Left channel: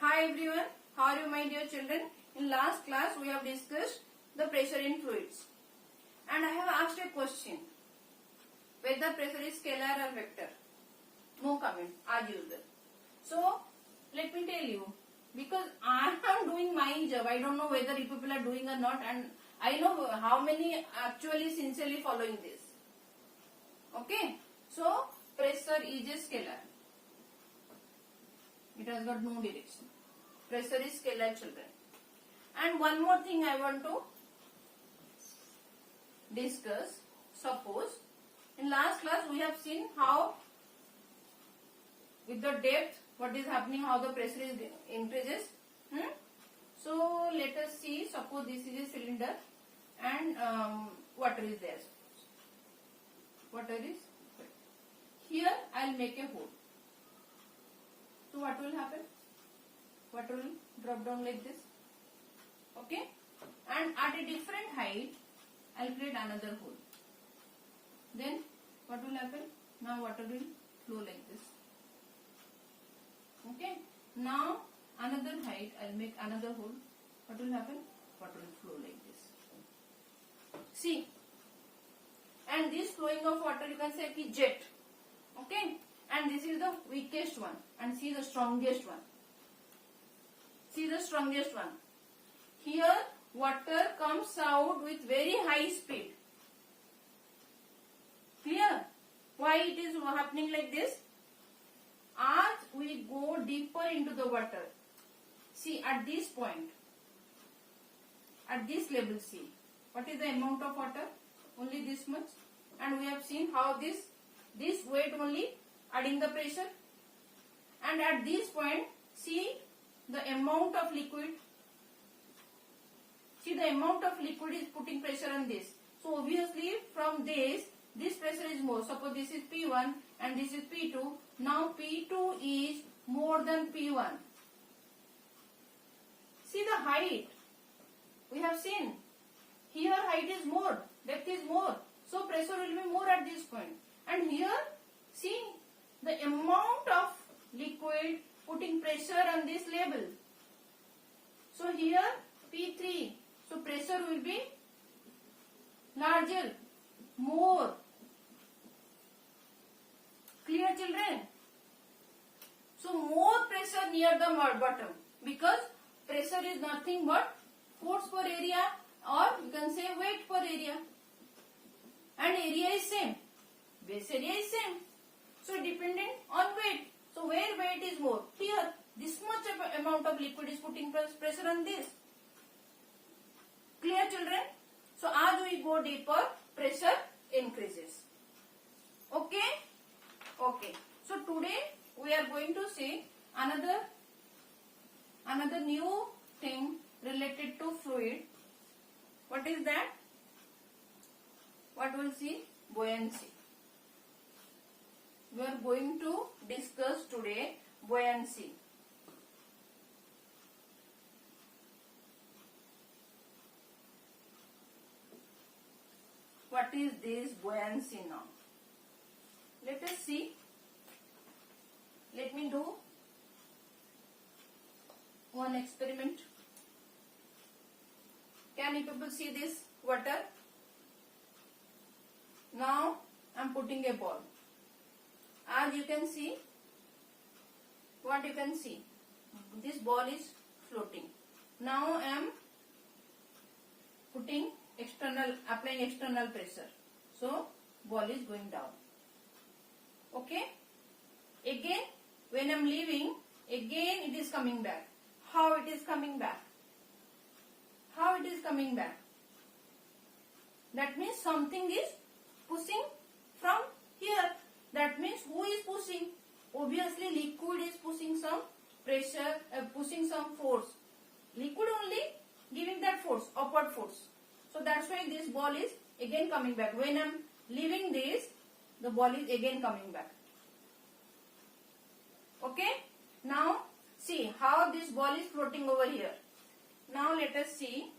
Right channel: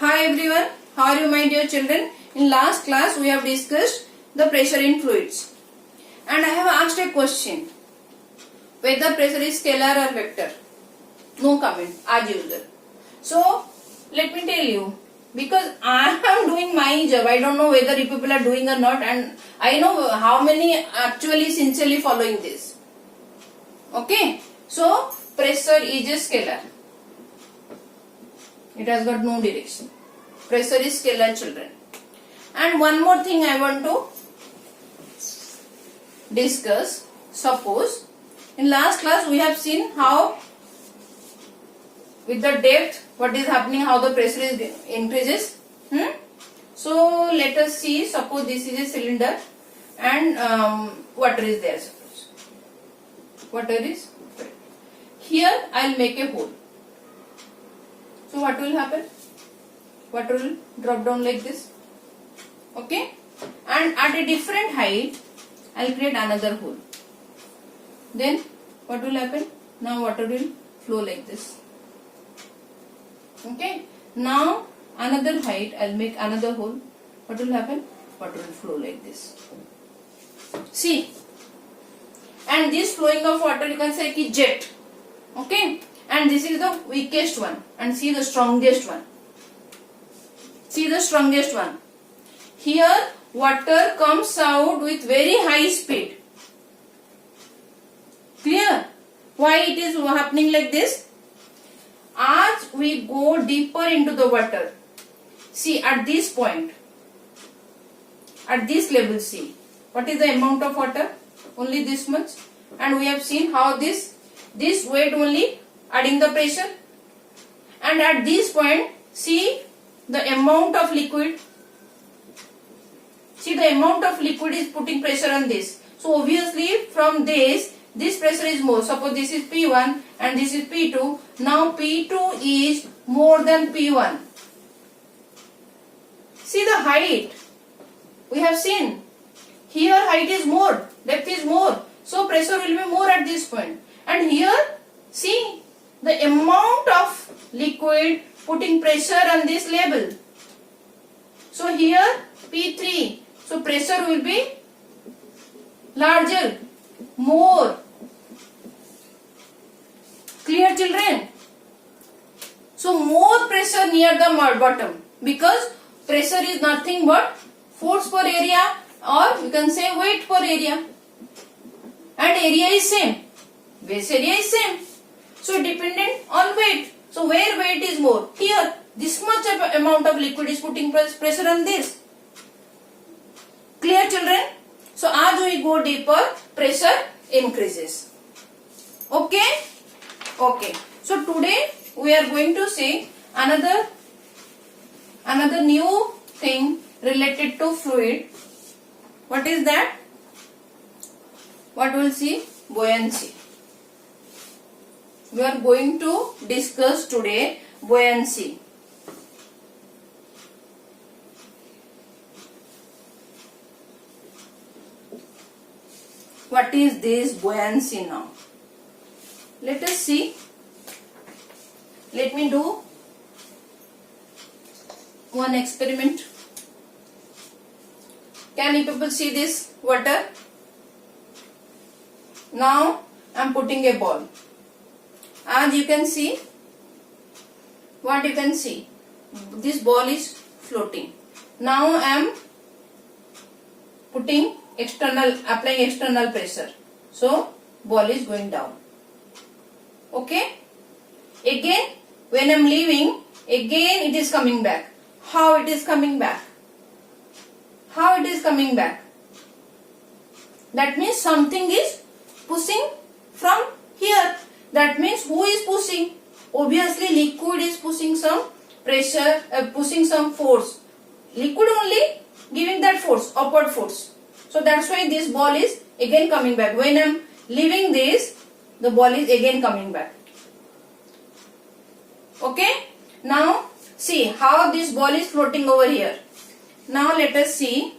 Hi everyone, how are you my dear children? In last class we have discussed the pressure in fluids and I have asked a question whether pressure is scalar or vector. No comment as usual. So let me tell you, because I am doing my job, I don't know whether you people are doing or not, and I know how many actually sincerely following this. Okay, so pressure is a scalar. It has got no direction. Pressure is scalar, children. And one more thing I want to discuss. Suppose in last class we have seen how with the depth what is happening, how the pressure is increases. So let us see. Suppose this is a cylinder and water is there. Suppose water is here. I will make a hole. So what will happen? Water will drop down like this. Okay, and at a different height I will create another hole. Then what will happen? Now water will flow like this. Okay, now another height I will make another hole. What will happen? Water will flow like this. See, and this flowing of water you can say ki jet. Okay, and this is the weakest one, and see the strongest one. See the strongest one. Here water comes out with very high speed. Clear? Why it is happening like this? As we go deeper into the water, see at this point, at this level, see what is the amount of water? Only this much. And we have seen how this weight only adding the pressure. And at this point, see the amount of liquid. See the amount of liquid is putting pressure on this. So obviously from this pressure is more. Suppose this is P1 and this is P2. Now P2 is more than P1. See the height. We have seen. Here height is more. Depth is more. So pressure will be more at this point. And here, see the amount of liquid putting pressure on this level. So here P3. So pressure will be larger, more. Clear, children? So more pressure near the bottom, because pressure is nothing but force per area, or you can say weight per area, and area is same, base area is same. So dependent on weight. So where weight is more? Here this much of amount of liquid is putting pressure on this. Clear, children? So as we go deeper, pressure increases. Okay? Okay. So today we are going to see another new thing related to fluid. What is that? What we will see? Buoyancy. We are going to discuss today buoyancy. What is this buoyancy now? Let us see. Let me do one experiment. Can you people see this water? Now I am putting a ball. As you can see, what you can see? This ball is floating. Now I am applying external pressure. So ball is going down. Okay? Again, when I am leaving, again it is coming back. How it is coming back? How it is coming back? That means something is pushing from here. That means who is pushing? Obviously liquid is pushing some pressure, pushing some force. Liquid only giving that force, upward force. So that's why this ball is again coming back. When I am leaving this, the ball is again coming back. Okay? Now see how this ball is floating over here. Now let us see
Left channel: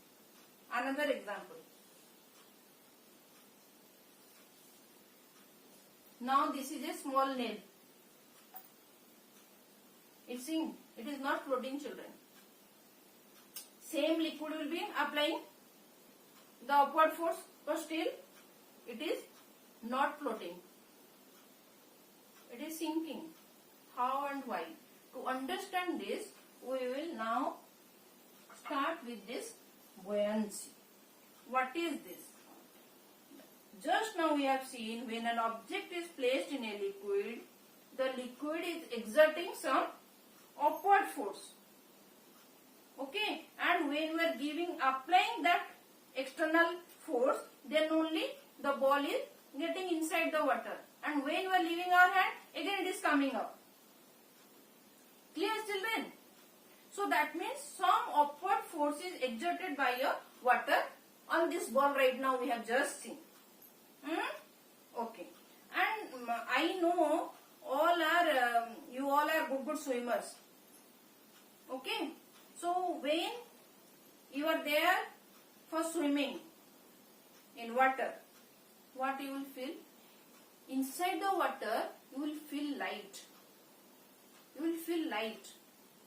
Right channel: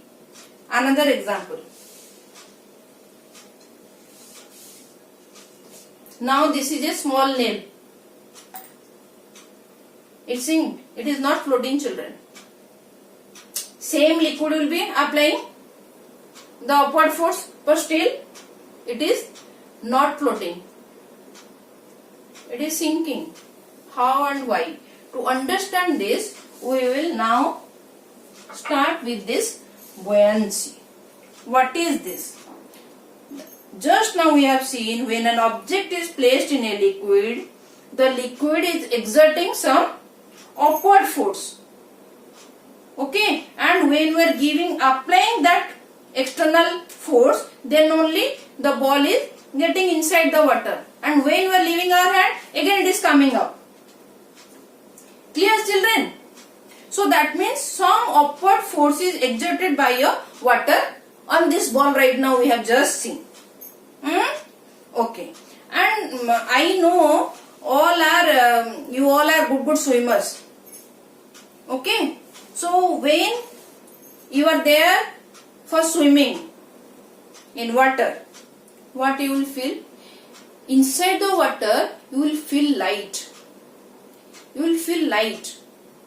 another example. Now this is a small nail. It's in, it is not floating, children. Same liquid will be applying the upward force, but still it is not floating. It is sinking. How and why? To understand this, we will now start with this buoyancy. What is this? Just now we have seen when an object is placed in a liquid, the liquid is exerting some upward force. Okay, and when we are applying that external force, then only the ball is getting inside the water, and when we are leaving our hand, again it is coming up. Clear, children? So that means some upward force is exerted by your water on this ball right now we have just seen. Okay, and I know you all are good swimmers. Okay, so when you are there for swimming in water, what you will feel? Inside the water you will feel light. You will feel light,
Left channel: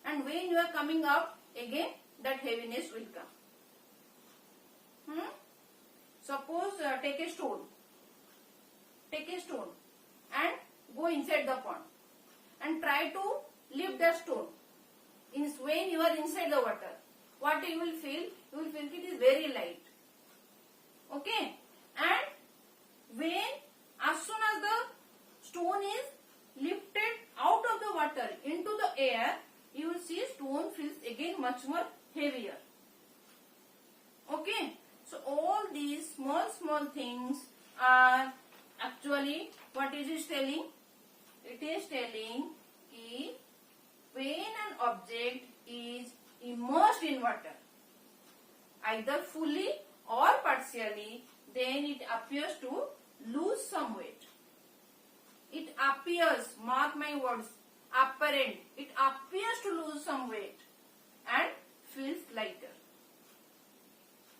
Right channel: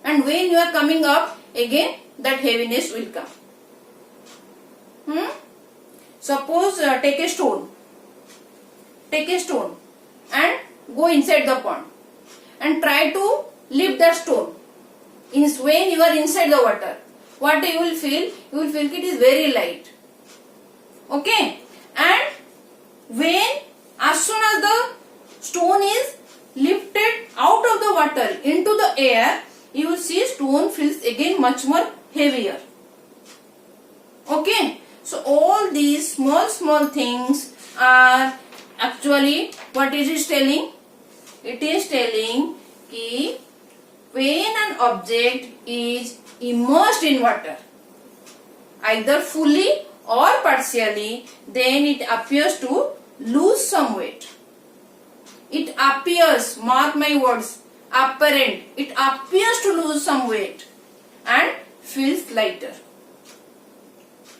and when you are coming up, again that heaviness will come. Suppose take a stone and go inside the pond and try to lift that stone. When you are inside the water, what you will feel? You will feel it is very light. Okay, and when as soon as the stone is lifted out of the water into the air, you will see stone feels again much more heavier. Okay, so all these small things are actually what it is telling? It is telling that when an object is immersed in water, either fully or partially, then it appears to lose some weight. It appears, mark my words, apparent, it appears to lose some weight and feels lighter.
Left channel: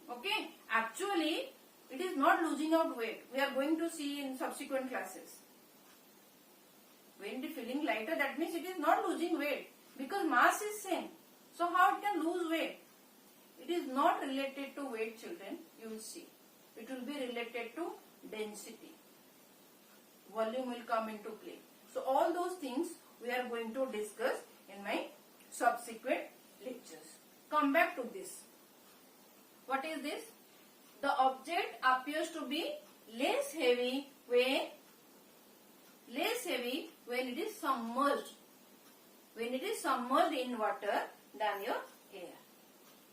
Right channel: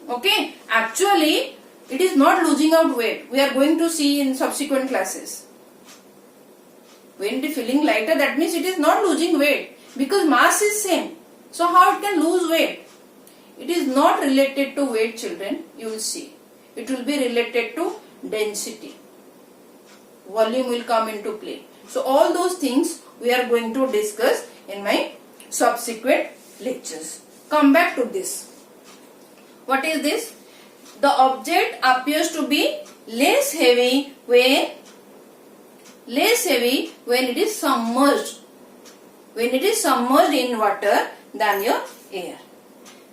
Okay, actually it is not losing out weight. We are going to see in subsequent classes. When it is feeling lighter, that means it is not losing weight, because mass is same. So how it can lose weight? It is not related to weight, children. You will see. It will be related to density. Volume will come into play. So all those things we are going to discuss in my subsequent lectures. Come back to this. What is this? The object appears to be less heavy when it is submerged. When it is submerged in water than your air.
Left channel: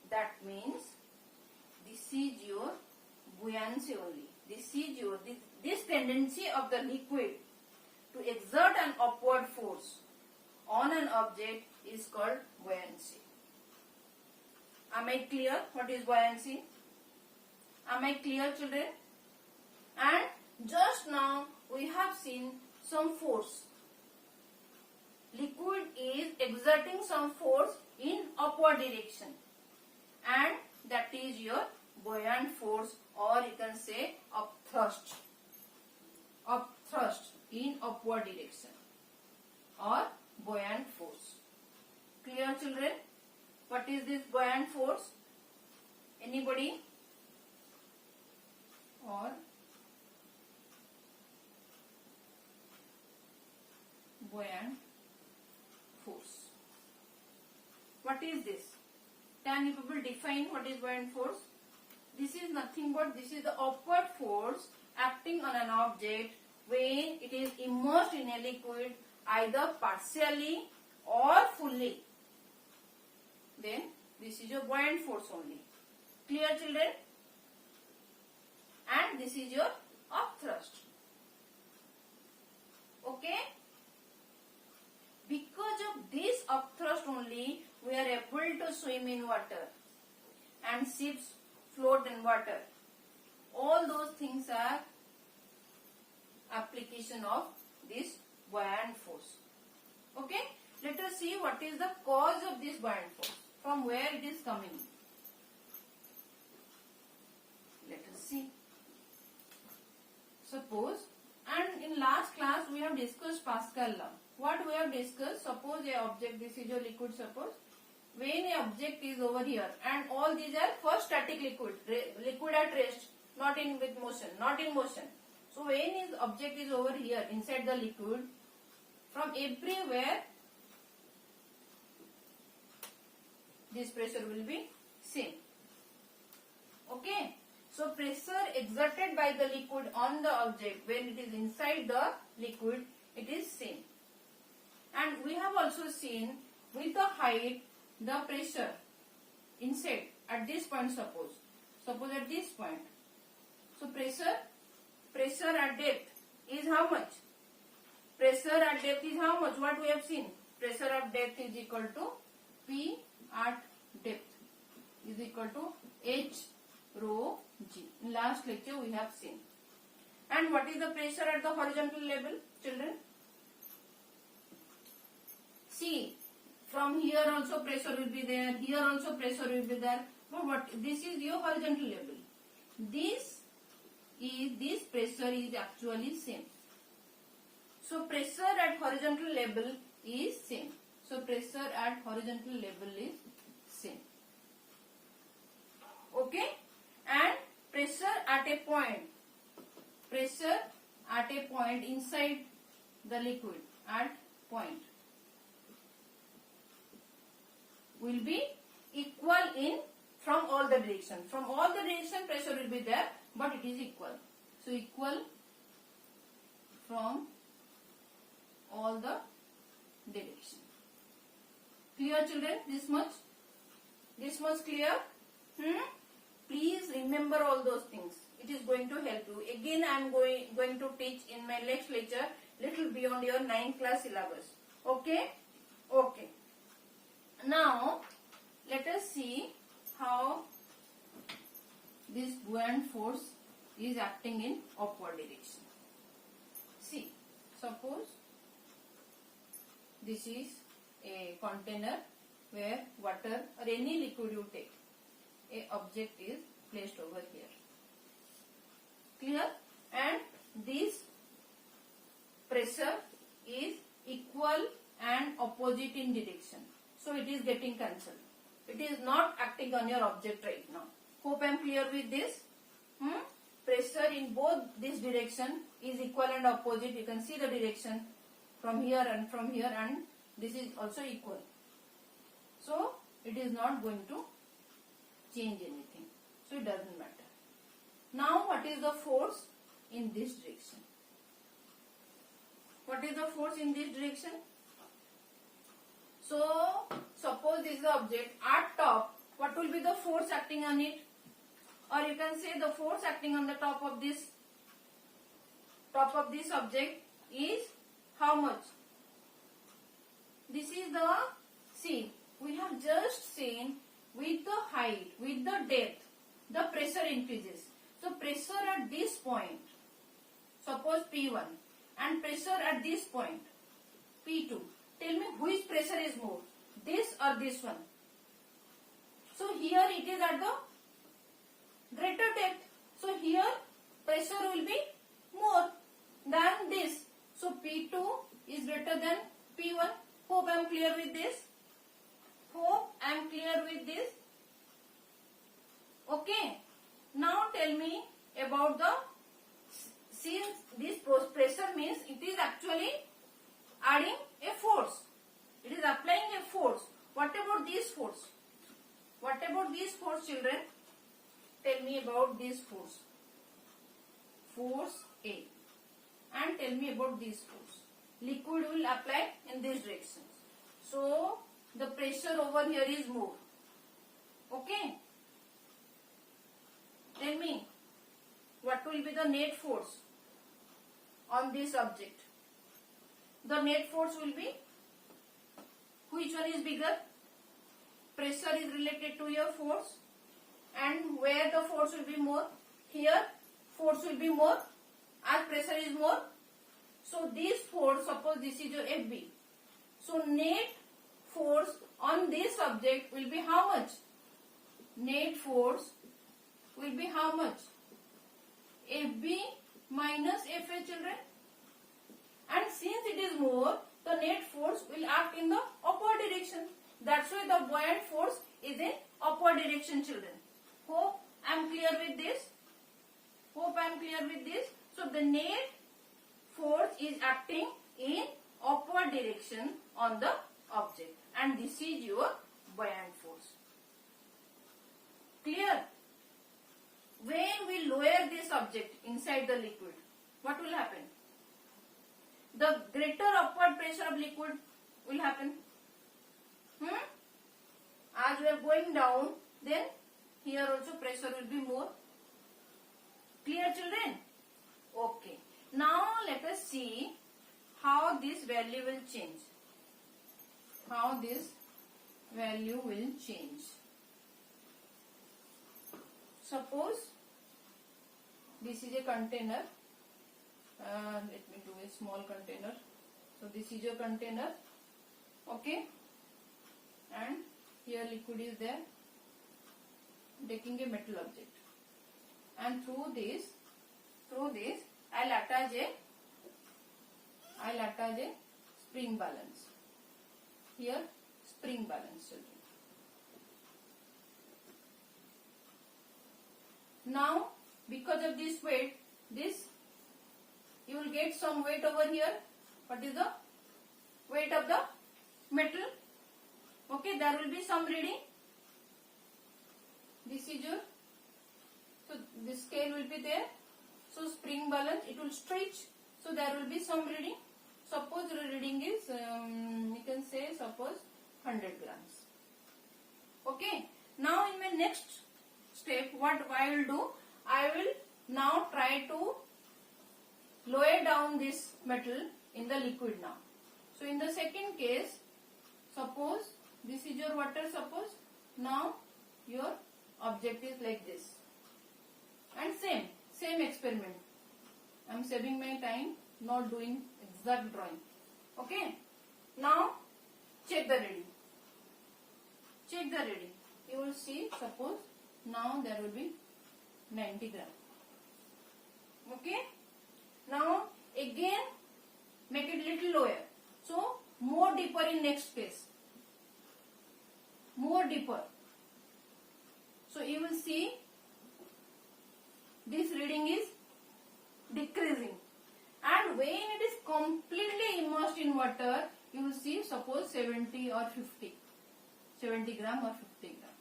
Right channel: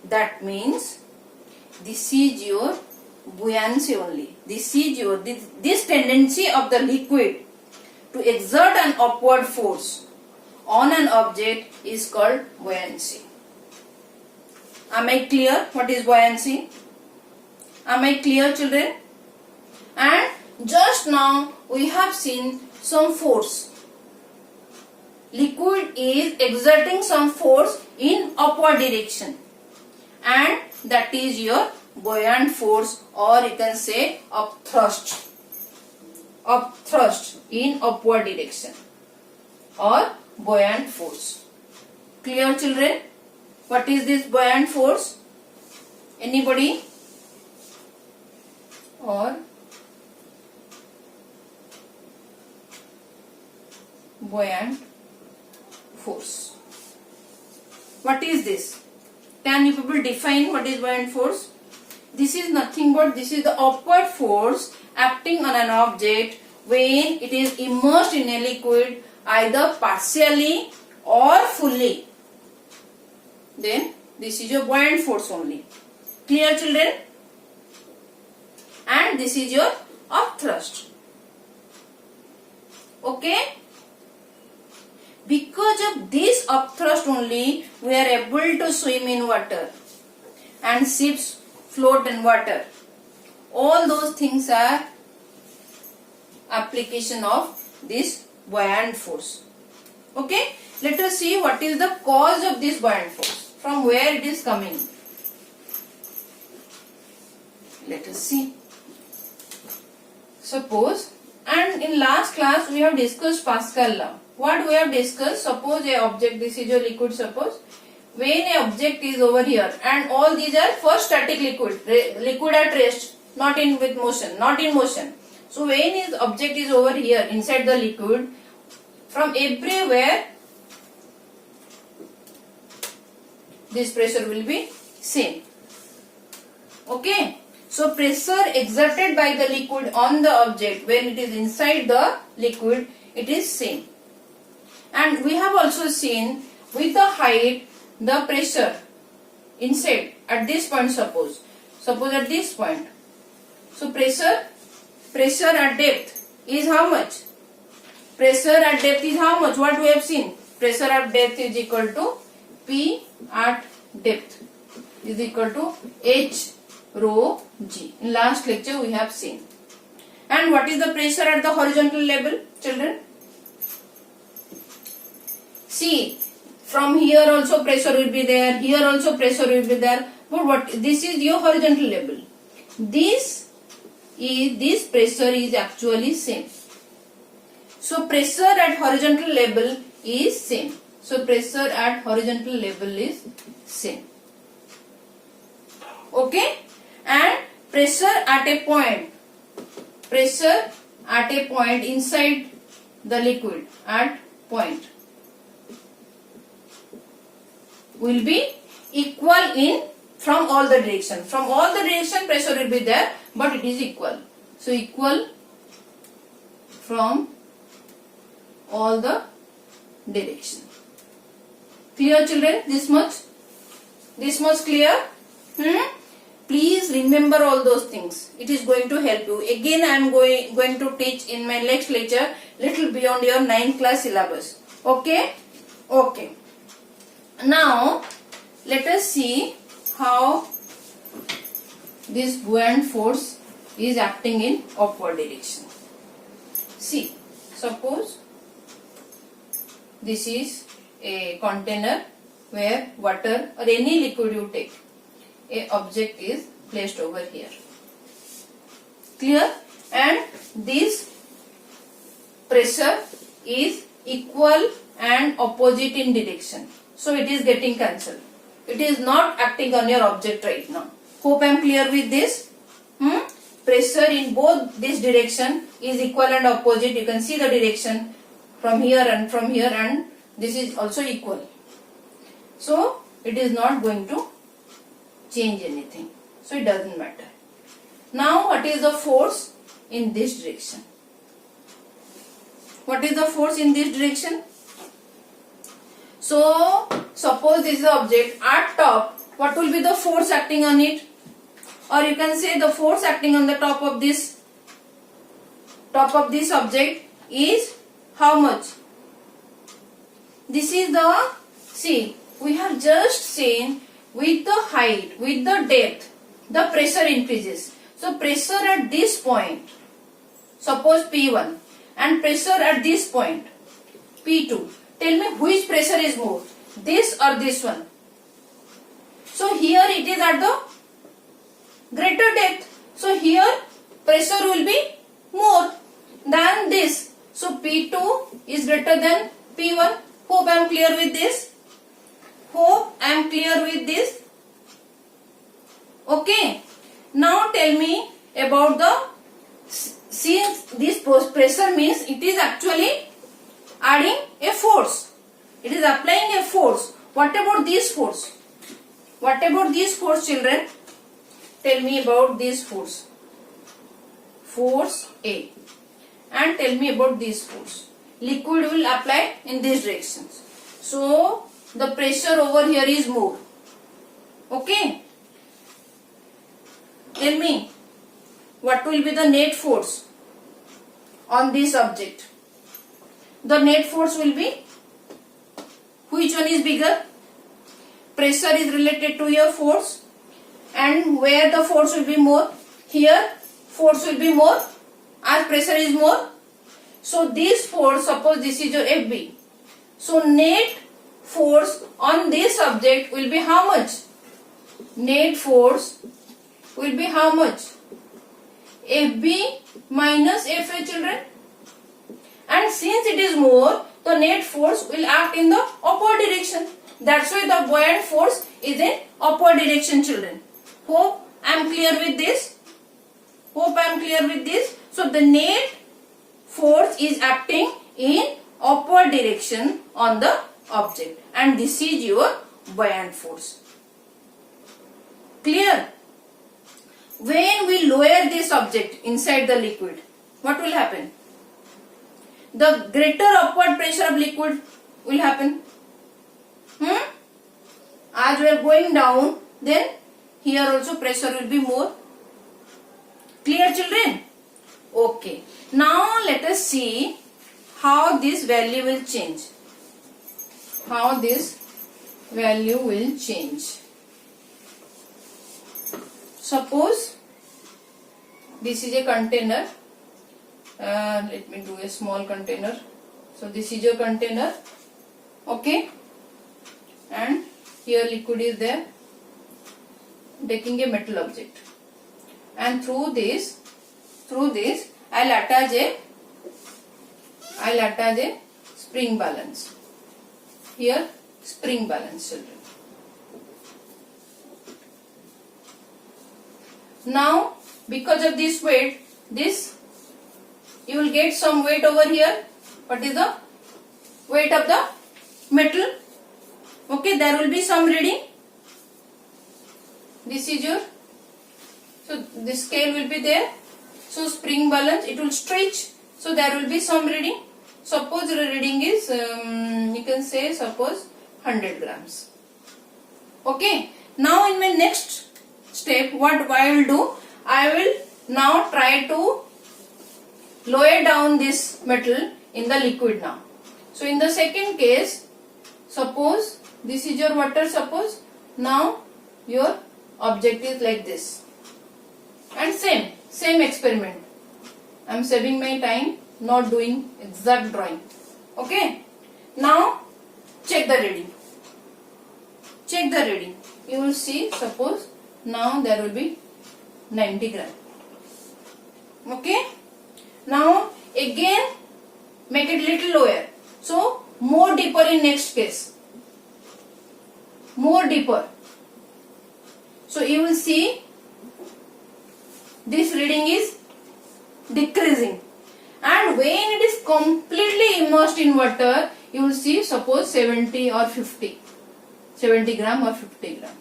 That means this is your buoyancy only. This tendency of the liquid to exert an upward force on an object is called buoyancy. Am I clear what is buoyancy? Am I clear, children? And just now we have seen some force. Liquid is exerting some force in upward direction, and that is your buoyant force, or you can say upthrust in upward direction, or buoyant force. Clear, children? What is this buoyant force? Anybody? Or buoyant force. What is this? Can you people define what is buoyant force? This is nothing but this is the upward force acting on an object when it is immersed in a liquid, either partially or fully. Then this is your buoyant force only. Clear, children? And this is your upthrust. Okay? Because of this upthrust only, we are able to swim in water and ships float in water. All those things are application of this buoyant force. Okay? Let us see what is the cause of this buoyant force. From where it is coming. Let us see. Suppose, and in last class we have discussed Pascal law. what we have discussed, suppose a object, this is your liquid, suppose when a object is over here and all these are first static liquid at rest, not in with motion, not in motion. So when his object is over here inside the liquid, from everywhere this pressure will be same. Okay. So pressure exerted by the liquid on the object when it is inside the liquid, it is same. And we have also seen with the height, the pressure inside at this point, suppose at this point. So pressure at depth is how much? Pressure at depth is how much? What we have seen? Pressure at depth is equal to P at depth is equal to H rho G. In last lecture we have seen. And what is the pressure at the horizontal level, children? See, from here also pressure will be there, here also pressure will be there. But what this is your horizontal level. This pressure is actually same. So pressure at horizontal level is same. So pressure at horizontal level is same. Okay? And pressure at a point inside the liquid at point will be equal in from all the direction. From all the direction pressure will be there, but it is equal. So equal from all the direction. Clear, children? This much clear? Please remember all those things. It is going to help you. Again I am going to teach in my next lecture little beyond your 9th class syllabus. Okay? Okay. Now let us see how this buoyant force is acting in upward direction. See, suppose this is a container where water or any liquid you take, a object is placed over here. Clear? And this pressure is equal and opposite in direction. So it is getting cancelled. It is not acting on your object right now. Hope I am clear with this. Pressure in both this direction is equal and opposite. You can see the direction from here and this is also equal. So it is not going to change anything. So it doesn't matter. Now what is the force in this direction? What is the force in this direction? So suppose this is the object at top. What will be the force acting on it? Or you can say the force acting on the top of this object is how much? This is the, see, we have just seen with the height, with the depth, the pressure increases. So pressure at this point, suppose P1, and pressure at this point, P2. Tell me which pressure is more, this or this one? So here it is at the greater depth. So here pressure will be more than this. So P2 is greater than P1. Hope I am clear with this. Okay. Now tell me about the, since this pressure means it is actually adding a force. It is applying a force. What about this force? What about this force, children? Tell me about this force. Force A. And tell me about this force. Liquid will apply in these directions. So the pressure over here is more. Okay. Tell me what will be the net force on this object. The net force will be, which one is bigger? Pressure is related to your force, and where the force will be more? Here force will be more as pressure is more. So this force, suppose this is your FB. So net force on this object will be how much? Net force will be how much? FB minus FA, children. And since it is more, the net force will act in the upward direction. That's why the buoyant force is in upward direction, children. Hope I am clear with this. Hope I am clear with this. So the net force is acting in upward direction on the object, and this is your buoyant force. Clear? When we lower this object inside the liquid, what will happen? The greater upward pressure of liquid will happen. As we are going down, then here also pressure will be more. Clear, children? Okay. Now let us see how this value will change. How this value will change. Suppose this is a container. Let me do a small container. So this is your container. Okay. And here liquid is there. Taking a metal object. And through this I'll attach a spring balance. Here spring balance, children. Now because of this weight, you will get some weight over here. What is the weight of the metal? Okay, there will be some reading. This is your, so this scale will be there. So spring balance, it will stretch. So there will be some reading. Suppose the reading is, you can say suppose 100 grams. Okay. Now in my next step, what I will do, I will now try to lower down this metal in the liquid now. So in the second case, suppose this is your water, suppose. Now your object is like this. And same experiment. I am saving my time, not doing exact drawing. Okay. Now check the reading. Check the reading. You will see, suppose now there will be 90 gram. Okay. Now again make it little lower. So more deeper in next case. More deeper. So you will see this reading is decreasing. And when it is completely immersed in water, you will see suppose 70 or 50. 70 gram or 50 gram.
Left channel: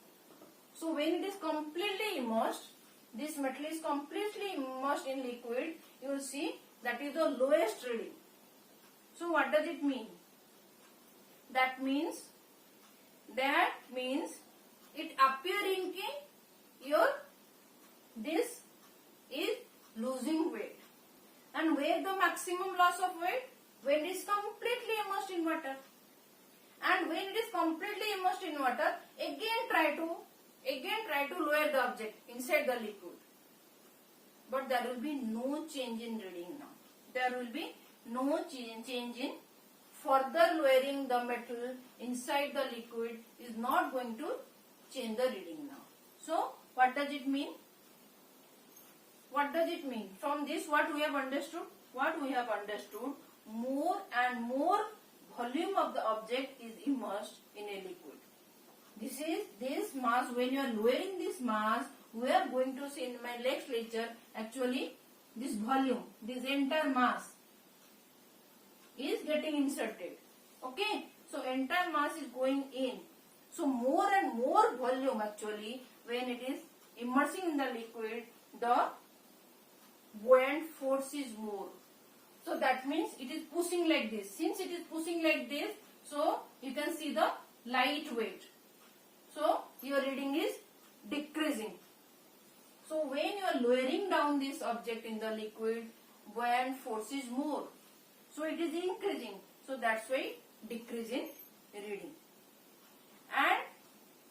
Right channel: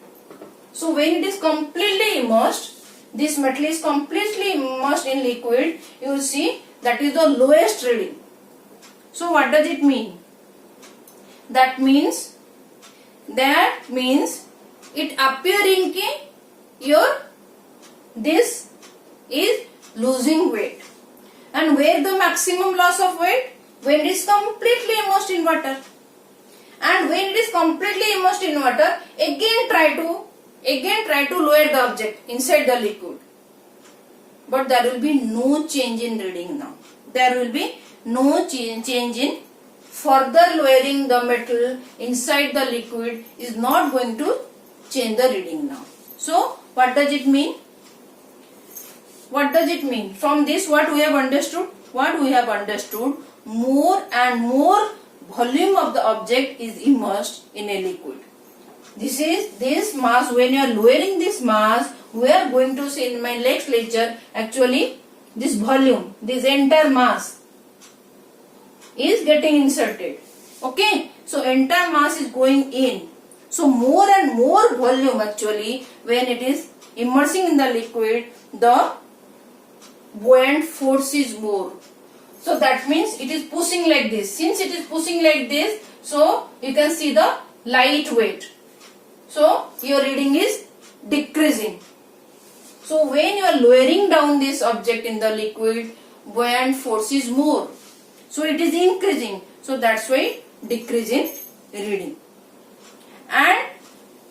So when it is completely immersed, this metal is completely immersed in liquid, you will see that is the lowest reading. So what does it mean? That means it appearing ki your this is losing weight. And where the maximum loss of weight? When it is completely immersed in water. And when it is completely immersed in water, again try to lower the object inside the liquid. But there will be no change in reading now. There will be no change in further lowering the metal inside the liquid is not going to change the reading now. So what does it mean? What does it mean? From this what we have understood? What we have understood, more and more volume of the object is immersed in a liquid. This mass, when you are lowering this mass, we are going to see in my next lecture, actually this volume, this entire mass is getting inserted. Okay, so entire mass is going in. So more and more volume actually, when it is immersing in the liquid, the buoyant force is more. So that means it is pushing like this. Since it is pushing like this, so you can see the light weight. So your reading is decreasing. So when you are lowering down this object in the liquid, buoyant force is more. So it is increasing. So that's why decrease in reading. And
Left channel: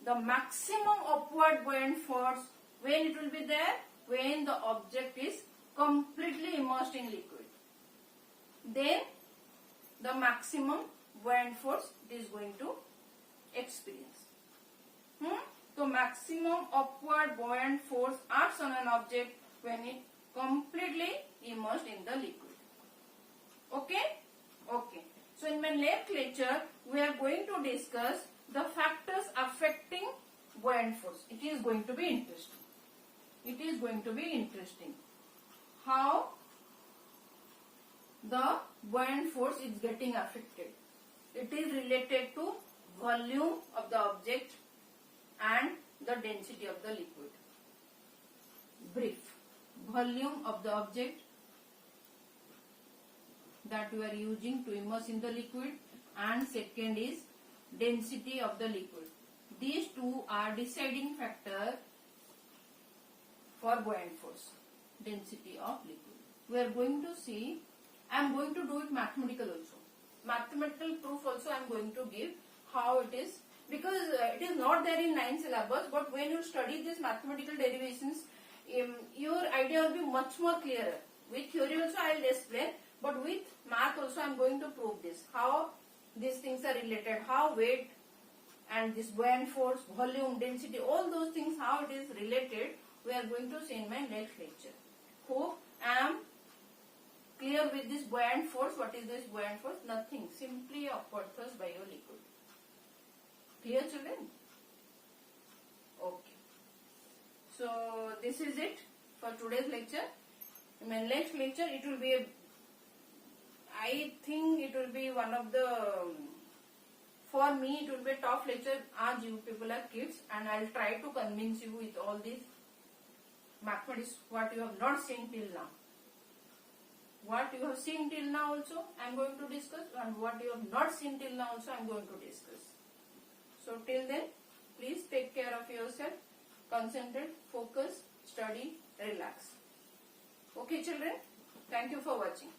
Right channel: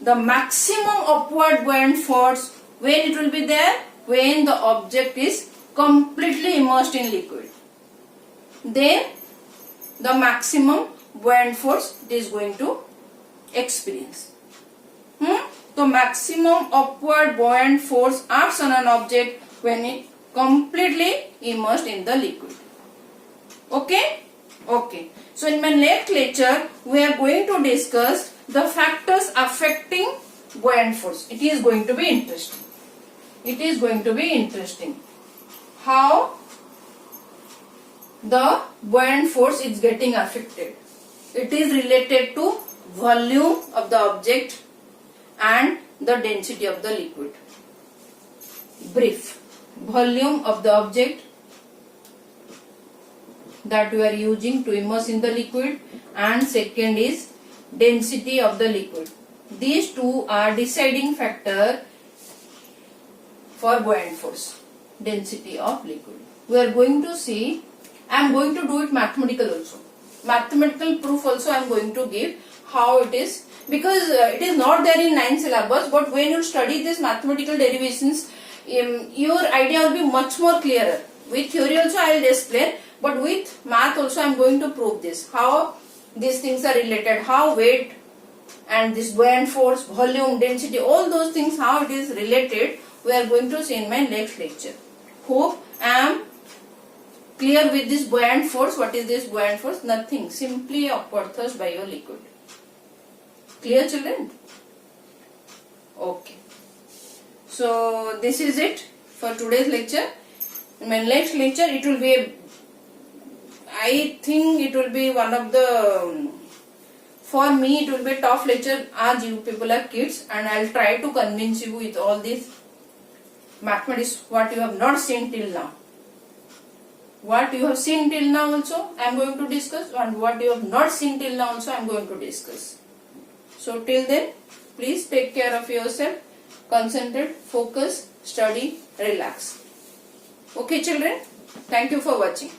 the maximum upward buoyant force, when it will be there? When the object is completely immersed in liquid. Then the maximum buoyant force it is going to experience. The maximum upward buoyant force acts on an object when it completely immersed in the liquid. Okay? Okay. So in my next lecture, we are going to discuss the factors affecting buoyant force. It is going to be interesting. It is going to be interesting. How the buoyant force is getting affected. It is related to volume of the object and the density of the liquid. Brief. Volume of the object that we are using to immerse in the liquid, and second is density of the liquid. These two are deciding factor for buoyant force. Density of liquid. We are going to see, I am going to do it mathematical also. Mathematical proof also I am going to give how it is, because it is not there in 9 syllabus, but when you study this mathematical derivations, your idea will be much more clearer. With theory also I will explain, but with math also I am going to prove this, how these things are related, how weight and this buoyant force, volume, density, all those things, how it is related, we are going to see in my next lecture. Hope I am clear with this buoyant force. What is this buoyant force? Nothing, simply upward thrust by your liquid. Clear, children? Okay. So this is it for today's lecture. In my next lecture, it will be I think it will be one of the, for me it will be a tough lecture as you people are kids, and I will try to convince you with all this mathematics what you have not seen till now. What you have seen till now also I am going to discuss, and what you have not seen till now also I am going to discuss. So till then, please take care of yourself, concentrate, focus, study, relax. Okay children, thank you for watching.